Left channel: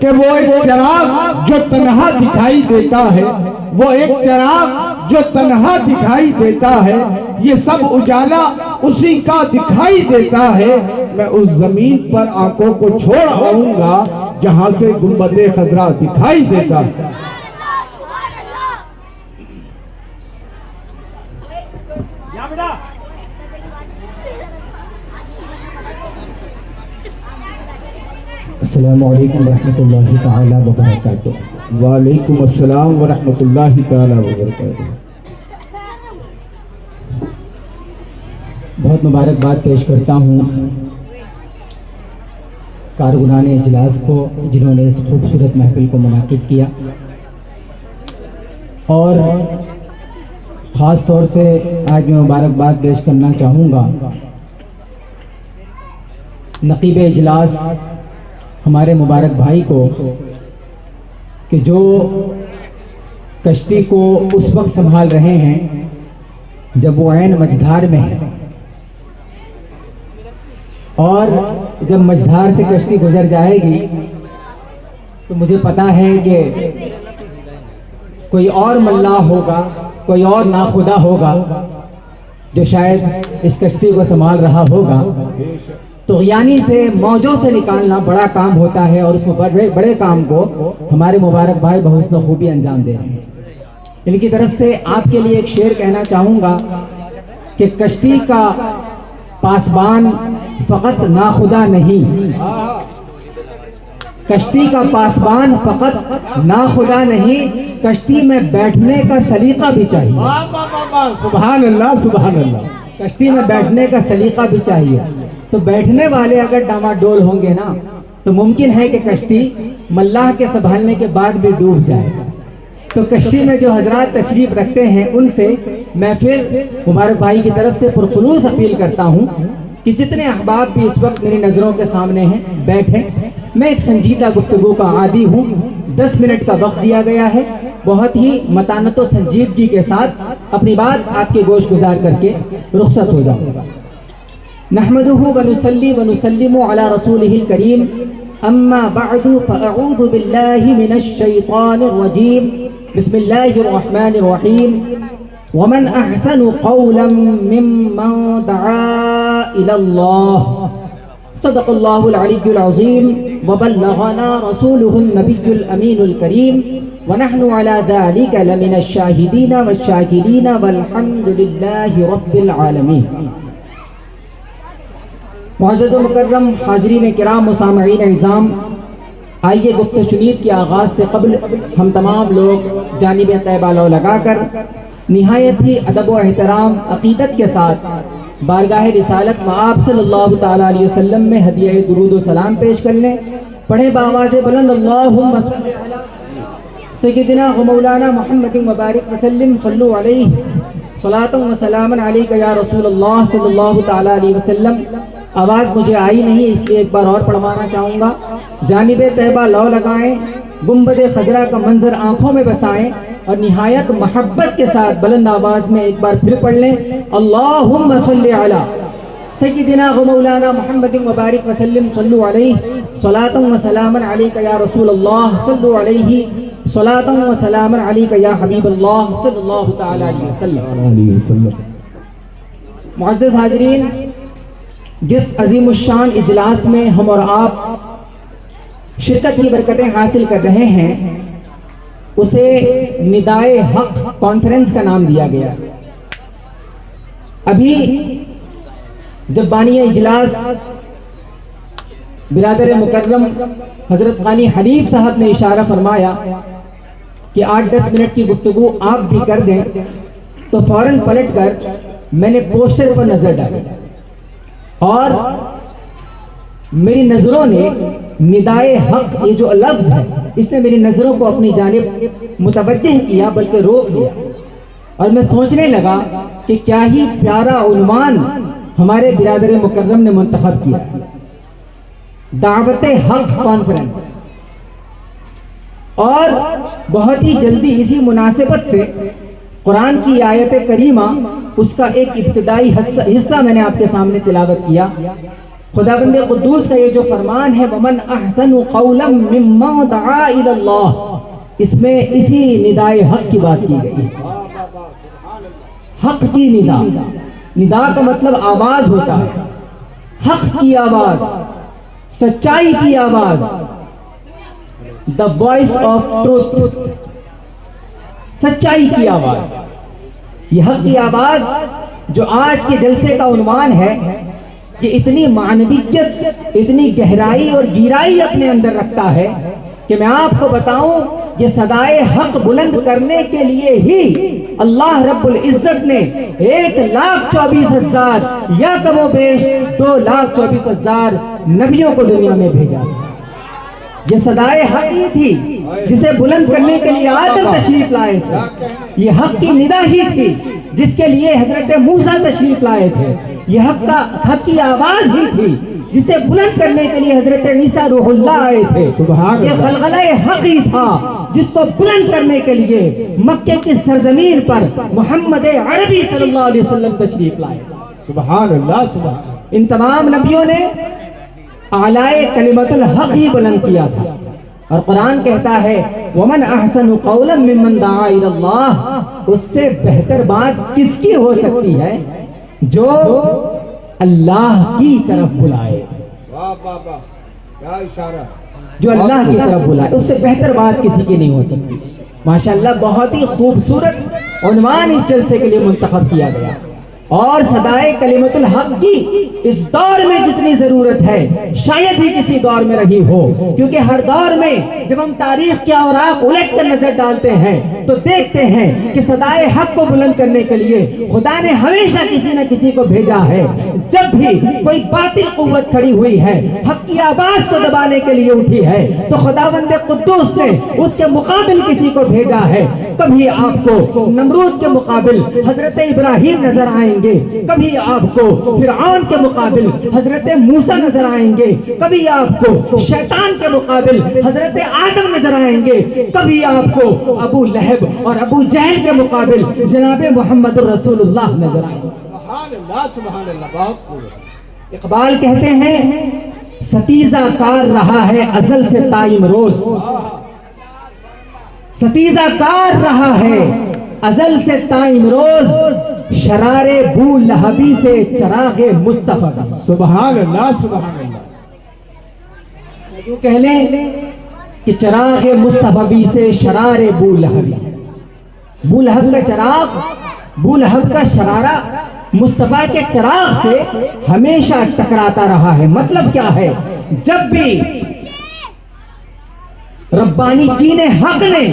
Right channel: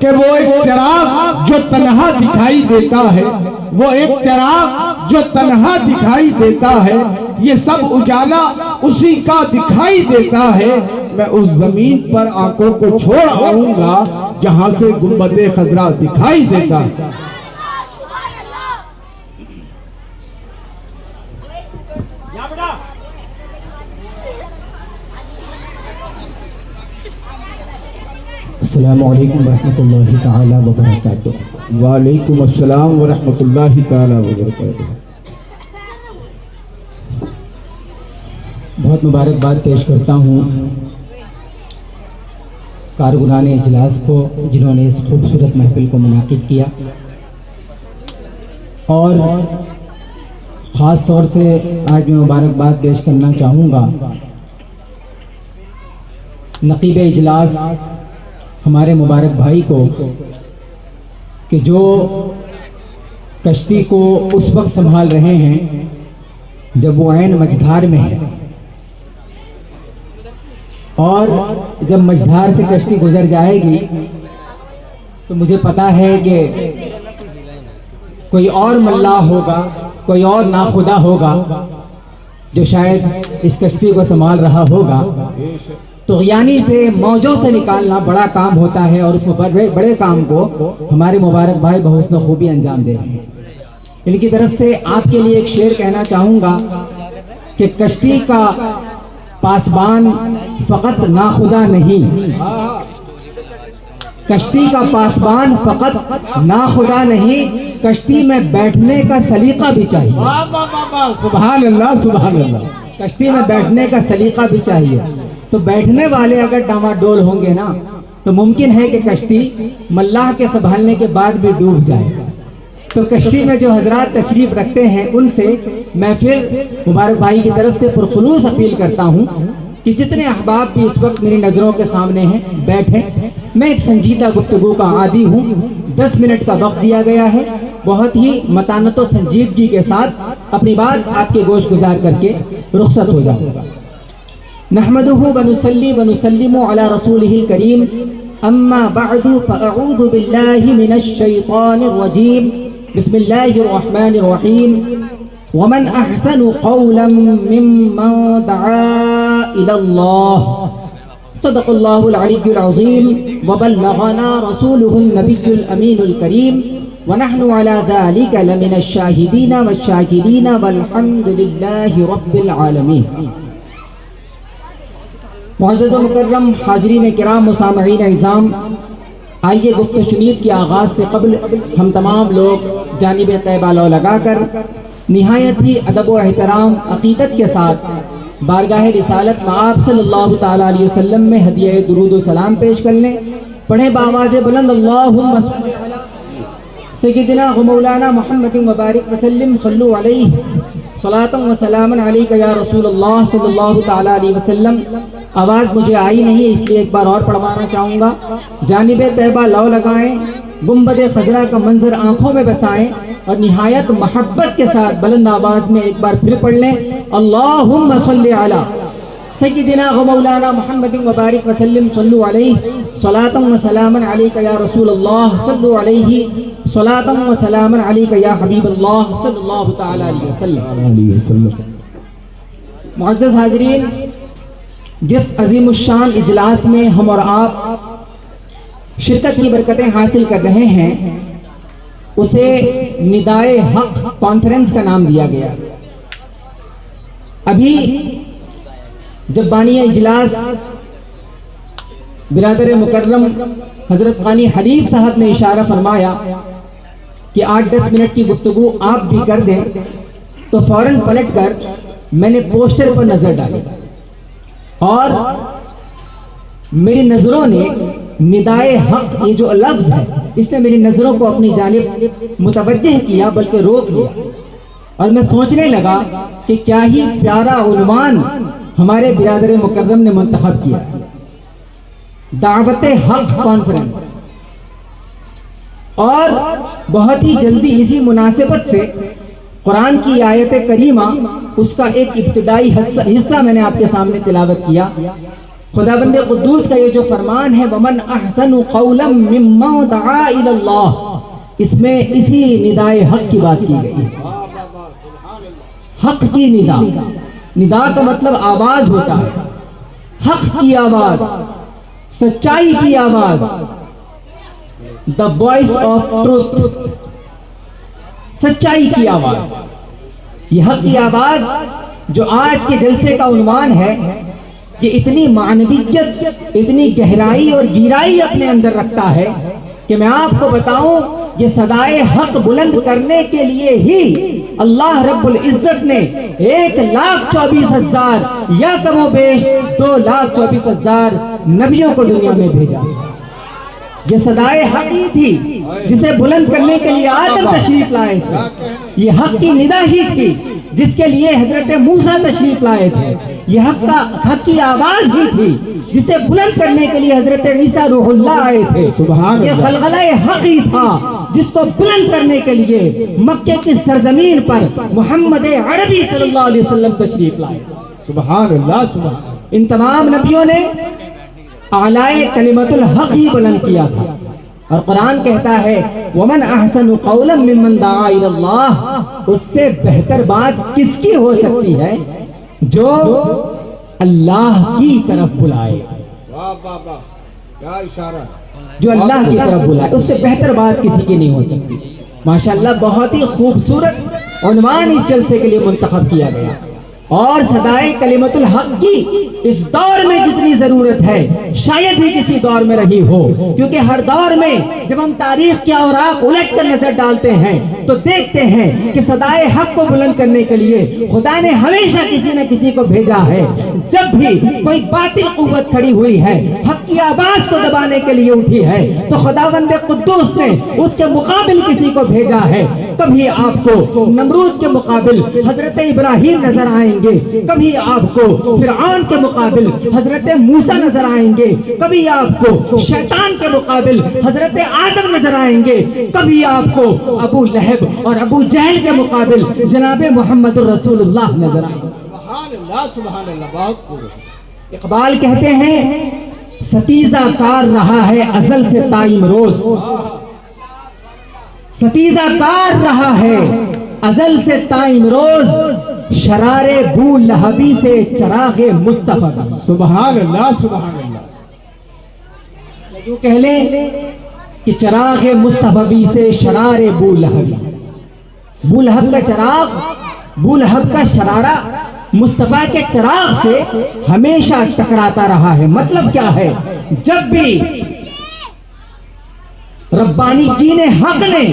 کہ وہ ایک چراغ جو تنہا دکھائی دیتا ہے، وہ ایک چراغ جو تنہا دکھائی دیتا ہے، یہ سب اجالا اسی کا دکھائی دیتا ہے۔ میں اس زمین پر آنکھوں کو چھوڑ آؤں گا جہاں سے گنبد خضرا دکھائی دیتا ہے۔ السلام علیکم ورحمۃ اللہ تعالی وبرکاتہ۔ وعلیکم السلام ورحمۃ اللہ تعالی وبرکاتہ۔ بہت مبارکباد پیش کرتا ہوں کارکنان اجلاس کو جنہوں نے اس خوبصورت محفل کو منعقد کیا، اور خاص طور سے آج میں مبارکباد پیش کرنا چاہوں گا نقیب اجلاس ہمارے مبارک بھائی کو، کہ جو کشتی کو اس وقت سنبھال رہے ہیں جب وہ عین مجدھار میں ہے، اور جب مجدھار سے کشتی گزر جائے گی تو مجھے پتا ہے کہ کوئی اور ملاح ہوگا، کوئی اور ناخدا ہوگا جو شاید اس کشتی کو سنبھال رہا ہوگا۔ طغیانی سے موجوں سے نکالنا بڑا کام ہوتا ہے، اور اس میں بڑے کام کو ہمارے مبارک بھائی بحسن خوبی انجام دے رہے ہیں۔ ان کی طرف سے آپ کے لیے ایک شعر کہنا چاہوں گا کہ کشتی کا پاسبان فقط ناخدا نہیں، کشتی کا پاسبان فقط ناخدا نہیں، کشتی میں بیٹھنے کا سلیقہ بھی چاہیے۔ سبحان اللہ سبحان اللہ۔ کشتی میں بیٹھنے کا سلیقہ بھی چاہیے۔ تو بیٹھنے والے اگر ڈاماڈول ہوں گے نا تو ممکن ہے کہ کشتی ملاح کے سنبھالنے کے بعد بھی ڈوب جائے۔ تو کشتی میں جو حضرات تشریف رکھتے ہیں ان سے میں پھر مبارک بھائی کی طرف سے پرخلوص اپیل کرتا ہوں کہ جتنے احباب بھی اس وقت میری نظروں کے سامنے ہیں بیٹھیں۔ میں ایک سنجیدہ گفتگو کا عادی ہوں، 10 منٹ کا وقت دیا گیا ہے، بہت ہی متانت و سنجیدگی کے ساتھ اپنی بات آپ کے گوش گزار کر کے رخصت ہو جاؤں گا۔ نحمده ونصلي ونسلم على رسوله الكريم، اما بعد فاعوذ بالله من الشيطان الرجيم، بسم الله الرحمن الرحيم، ومن احسن قولا ممن دعا الى الله، صدق الله العلي العظيم، وبلغنا رسوله النبي الامين الكريم، ونحن على ذلك لمن الشاهدين والشاكرين والحمد لله رب العالمين۔ معزز و مکرم حاضرین کرام و سامعین اعظام، آئیے گفت و شنید کے آغاز سے قبل ہم تمام لوگ جانب طیبہ لو لگا کر نہایت ہی ادب و احترام عقیدت کے ساتھ بارگاہ رسالت مآب صلی اللہ تعالیٰ علیہ وسلم میں ہدیہ درود و سلام پیش کر لیں۔ پڑھیں بآواز بلند اللہم صلی علی سیدنا و مولانا محمد مبارک وسلم، صلو علیہ صلاۃ و سلام علیک یا رسول اللہ صلی اللہ تعالیٰ علیہ وسلم۔ آواز مجھے آئی نہیں، اس لیے ایک بار اور پڑھوانا چاہوں گا۔ جانب طیبہ لو لگائیں، گنبد خضرا کا منظر آنکھوں میں بسائیں، اور نہایت محبت کے ساتھ بلند آواز میں ایک بار پھر پڑھ لیں، اللہم صلی علی سیدنا و مولانا محمد مبارک وسلم، صلو علیہ صلاۃ و سلام علیک یا رسول اللہ، صلو علیہ صلاۃ و سلام علیک یا حبیب اللہ صلی اللہ تعالیٰ علیہ وسلم۔ معزز حاضرین، جس عظیم الشان اجلاس میں ہم اور آپ شرکت کی برکتیں حاصل کر رہے ہیں اسے ندائے حق کانفرنس کا نام دیا گیا۔ ابھی جب بانی اجلاس برادر مکرم حضرت غانی حنیف صاحب نے اشارہ فرمایا کہ 8-10 منٹ کی گفتگو آپ بھی کر دیں، تو فوراً پلٹ کر میں نے پوسٹر پر نظر ڈالی، اور میری نظروں نے ندائے حق یہ جو لفظ ہے اس نے میری نظروں کو اپنی جانب متوجہ کیا، بلکہ روک لیا، اور میں سوچنے لگا کہ کیا ہی پیارا عنوان ہمارے برادر مکرم نے منتخب کیا، دعوت حق کانفرنس۔ اور بہت ہی جلدی اسی مناسبت سے قرآن کی آیت کریمہ اس کا ایک ابتدائی حصہ میں نے آپ کے سامنے تلاوت کیا خداوند قدوس کا یہ جو فرمان ہے ومن احسن قولا ممن دعا الی اللہ، اس میں اسی ندائے حق کی بات کی گئی ہے۔ حق کی ندا، ندا کا مطلب آواز ہوتا ہے، حق کی آواز، سچائی کی آواز، دا وائس آف ٹروتھ، سچائی کی آواز۔ یہ حق کی آواز جو آج کے جلسے کا عنوان ہے، یہ اتنی معنویت، اتنی گہرائی اور گہرائی اپنے اندر رکھتا ہے کہ میں آپ کو بتاؤں، یہ صدائے حق بلند کرنے کے لیے ہی اللہ رب العزت نے 1,24,000 یا کم و بیش 2,24,000 نبیوں کو دنیا میں بھیجا۔ یہ صدائے حق ہی تھی جسے بلند کرنے کے لیے آدم تشریف لائے تھے، یہ حق کی ندا ہی تھی جس کے لیے حضرت موسیٰ تشریف لائے تھے، یہ حق کی آواز ہی تھی جسے بلند کرنے کے لیے حضرت عیسیٰ روح اللہ آئے تھے، یہ غلغلہ حق ہی تھا جس کو بلند کرنے کے لیے مکے کی سرزمین پر محمد عربی صلی اللہ علیہ وسلم تشریف لائے۔ سبحان اللہ، سبحان اللہ۔ ان تمام نبیوں نے اعلائے کلمت الحق ہی بلند کیا تھا، اور قرآن کہتا ہے ومن احسن قولا ممن دعا الی اللہ، اس سے بہتر بات کس کی ہو سکتی ہے جو اللہ کی طرف بلائے، جو اللہ کی طرف بلائے، اس سے بہتر بات کسی کی نہیں ہو سکتی۔ ماشاءاللہ بہت ہی خوبصورت عنوان اس جلسے کے لیے منتخب کیا گیا، اور صدائے کلمت الحق کی اس دور میں جتنی ضرورت ہے شاید ہی کسی دور میں رہی ہو، کیونکہ ہر دور میں جب ہم تاریخ کے اوراق الٹ کر نظر ڈالتے ہیں تو دیکھتے ہیں کہ صدائے حق کو بلند کرنے کے لیے خدا نے ہمیشہ کسی نہ کسی کو بھیجا ہے۔ جب بھی کوئی باطل قوت کھڑی ہوئی ہے، حق کی آواز کو دبانے کے لیے اٹھی ہے، تو خداوند قدوس نے اس کے مقابل کسی کو بھیجا ہے۔ کبھی آپ کو نمرود کے مقابل حضرت ابراہیم نظر آئیں گے، کبھی آپ کو فرعون کے مقابل حضرت موسیٰ نظر آئیں گے، کبھی آپ کو شیطان کے مقابل حضرت آدم نظر آئیں گے، کبھی آپ کو ابو لہب اور ابو جہل کے مقابل جناب محمد الرسول اللہ نظر آئیں گے۔ سبحان اللہ، سبحان اللہ، بہت خوب۔ اقبال کہتے ہیں ستیزہ کار رہا ہے ازل سے تائم روز، ستیزہ کار رہا ہے ازل سے تائم روز، شرار بو لہبی سے چراغ مصطفیٰ۔ سبحان اللہ، سبحان اللہ۔ یوں کہہ لیں کہ چراغ مصطفی سے شرار بو لہبی، بو لہب کا چراغ، بو لہب کا شرارہ مصطفیٰ کے چراغ سے ہمیشہ ٹکراتا رہا ہے۔ مطلب کیا ہے؟ جب بھی ربانی دین حق نے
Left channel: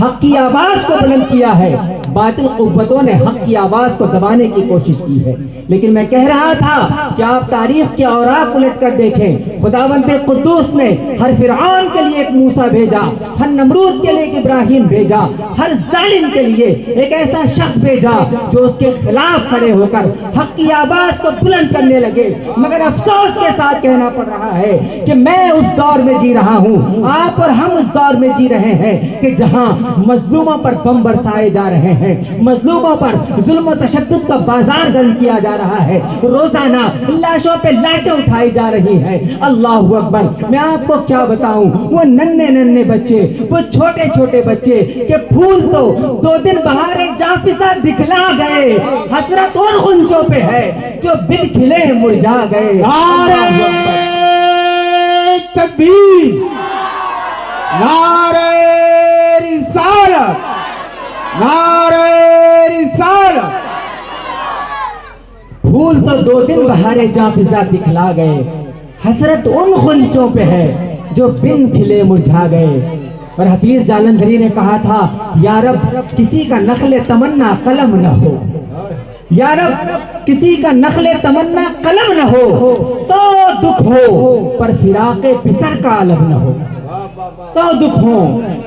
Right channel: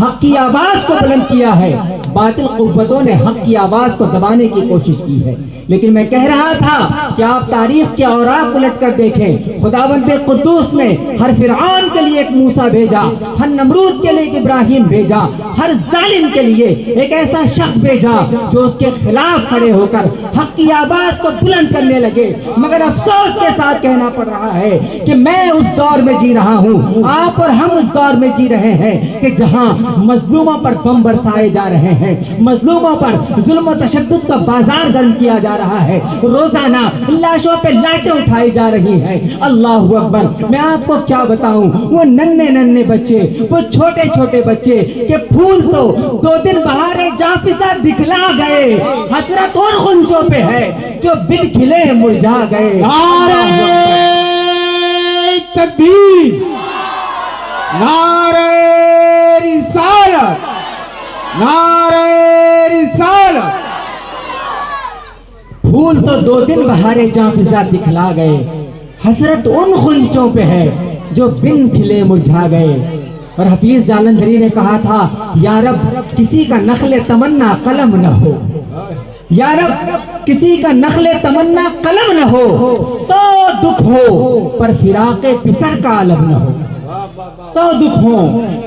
حق کی آواز کو بلند کیا ہے، باطل قوتوں نے حق کی آواز کو دبانے کی کوشش کی ہے۔ لیکن میں کہہ رہا تھا کہ آپ تاریخ کے اوراق الٹ کر دیکھیں، خداوند قدوس نے ہر فرعون کے لیے ایک موسیٰ بھیجا، ہر نمرود کے لیے ایک ابراہیم بھیجا، ہر ظالم کے لیے ایک ایسا شخص بھیجا جو اس کے خلاف کھڑے ہو کر حق کی آواز کو بلند کرنے لگے۔ مگر افسوس کے ساتھ کہنا پڑ رہا ہے کہ میں اس دور میں جی رہا ہوں، آپ اور ہم اس دور میں جی رہے ہیں کہ جہاں مظلوموں پر بم برسائے جا رہے ہیں، مظلوموں پر ظلم و تشدد کا بازار گرم کیا جا رہا ہے، روزانہ لاشوں پہ لاشیں اٹھائی جا رہی ہیں۔ اللہ اکبر۔ میں آپ کو کیا بتاؤں، وہ ننھے ننھے بچے، وہ چھوٹے چھوٹے بچے کہ پھول تو 2 دن بہارے جافزہ دکھلا گئے، حسرت ان غنچوں پہ ہے جو بن کھلے مرجھا گئے۔ نعرہ تکبیر، نعرہ رسالت، نعرہ رسالت۔ پھول تو 2 دن بہارے جافزہ دکھلا گئے، حسرت ان غنچوں پہ ہے جو بن کھلے مرجھا گئے۔ اور حفیظ جالندھری نے کہا تھا یا رب کسی کا نخل تمنا قلم نہ ہو، یا رب کسی کا نخل تمنا قلم نہ ہو، 100 دکھ ہو پر فراق پسر کا علم نہ ہو، 100 دکھ ہو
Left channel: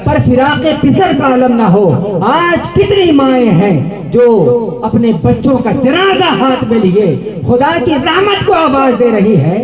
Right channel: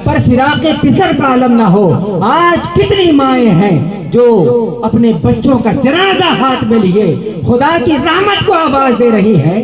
پر فراق پسر کا علم نہ ہو۔ آج کتنی مائیں ہیں جو اپنے بچوں کا جنازہ ہاتھ میں لیے خدا کی رحمت کو آواز دے رہی ہے،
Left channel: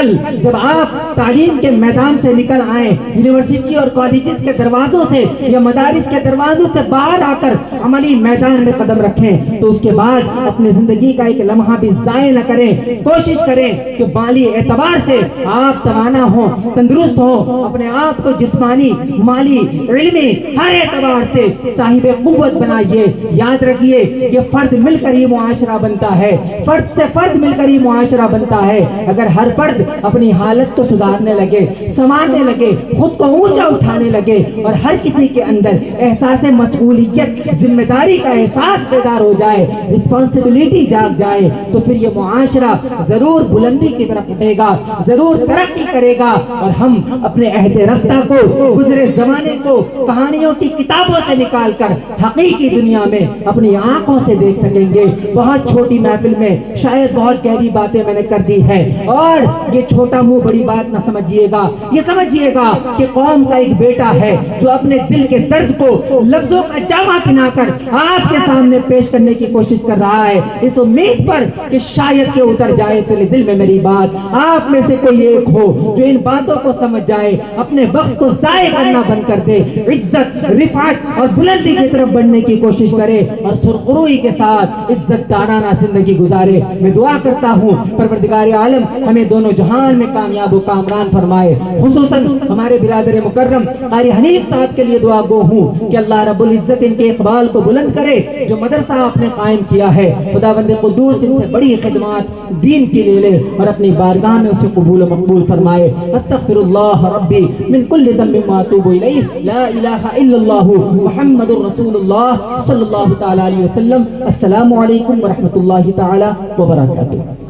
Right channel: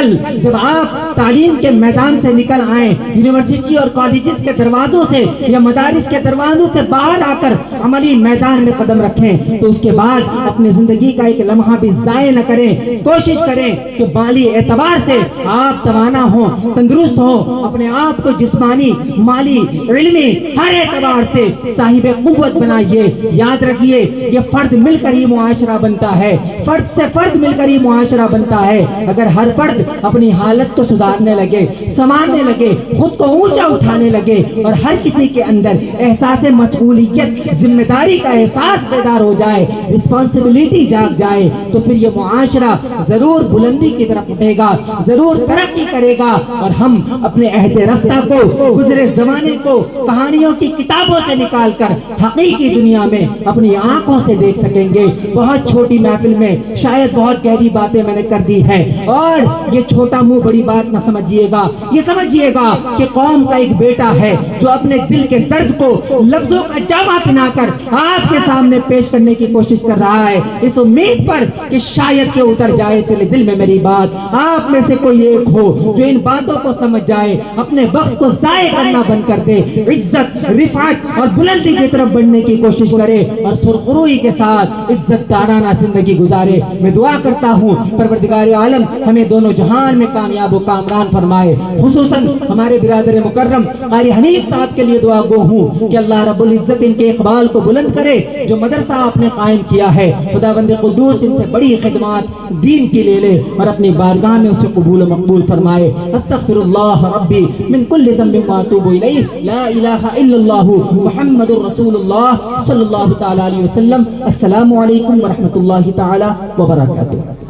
کل جب آپ تعلیم کے میدان سے نکل آئیں، یونیورسٹی اور کالجز کے دروازوں سے یا مدارس کے دروازوں سے باہر آ کر عملی میدان میں قدم رکھیں، تو اس کے بعد اپنی زندگی کا ایک لمحہ بھی ضائع نہ کریں. کوشش کریں کہ مالی اعتبار سے آپ توانا ہوں، تندرست ہوں، اپنے آپ کو جسمانی، مالی، علمی ہر اعتبار سے صاحب قوت بنائیے. یاد رکھیے یہ فرد مل کر ہی معاشرہ بنتا ہے، فرد سے فرد مل کر ہی معاشرہ بنتا ہے. اگر ہر فرد اپنی حالت کو سدھارنے لگے، سنوارنے لگے، خود کو اونچا اٹھانے لگے اور ہر کسی کے اندر احساس مسئولیت، ذمہ داری کا احساس بیدار ہو جائے، رسپانسبلٹی جاگ جائے، تو پھر یہ معاشرہ ضرور بلندی کی طرف اٹھے گا، ضرور ترقی کرے گا اور ہم اپنے عہد رفتہ کو، گزرے زمانے کو کہانیوں کی کتابوں سے نکال کر حقیقی دنیا میں اپنی آنکھوں سے دیکھ سکیں گے. بہت چھوٹی محفل میں شاید بہت گہری باتیں میں نے کر دی ہے، اور یہ چھوٹا منہ بڑی بات نہ سمجھیے گا. یہ سمجھیے گا کہ قوم کا ایک بیٹا ہے جو اپنے دل کے درد کو لفظوں کا جامع پہنا کر آپ کے سامنے پیش کرنے کی کوشش کر رہا ہے، اس امید پر کہ شاید کہ اتر جائے دل میں میری بات. آپ میں سے کوئی ایک ہو جو ان باتوں کو سمجھ جائے، اپنے وقت کو ضائع کرنا بند کر دے، عزت، رفعت اور بلندی کی طرف بڑھنے کی کوشش کرے اور سرخروئی کے ساتھ عزت دارانہ زندگی گزارے. میں دعا کرتا ہوں پروردگار عالم ہمیں دونوں جہان میں کامیاب و کامران فرمائے. خصوصاً ہمارے برادر مکرم قاری حنیف صاحب کے لیے دعا گو ہوں کہ اللہ رب العزت ان کے اقبال کو بلند کرے. جو مدرسہ آپ نے قائم کیا ہے، خداوند قدوس ان سے بڑی خدمات دین کی لے لے اور اپنی بارگاہ میں اسے قبول و مقبول فرمائے. استغفر اللہ ربی من کل ذنب و اتوب الیہ، لا الہ الا اللہ محمد رسول اللہ صلی اللہ تعالی علیہ وسلم. السلام علیکم ورحمۃ اللہ تعالی وبرکاتہ.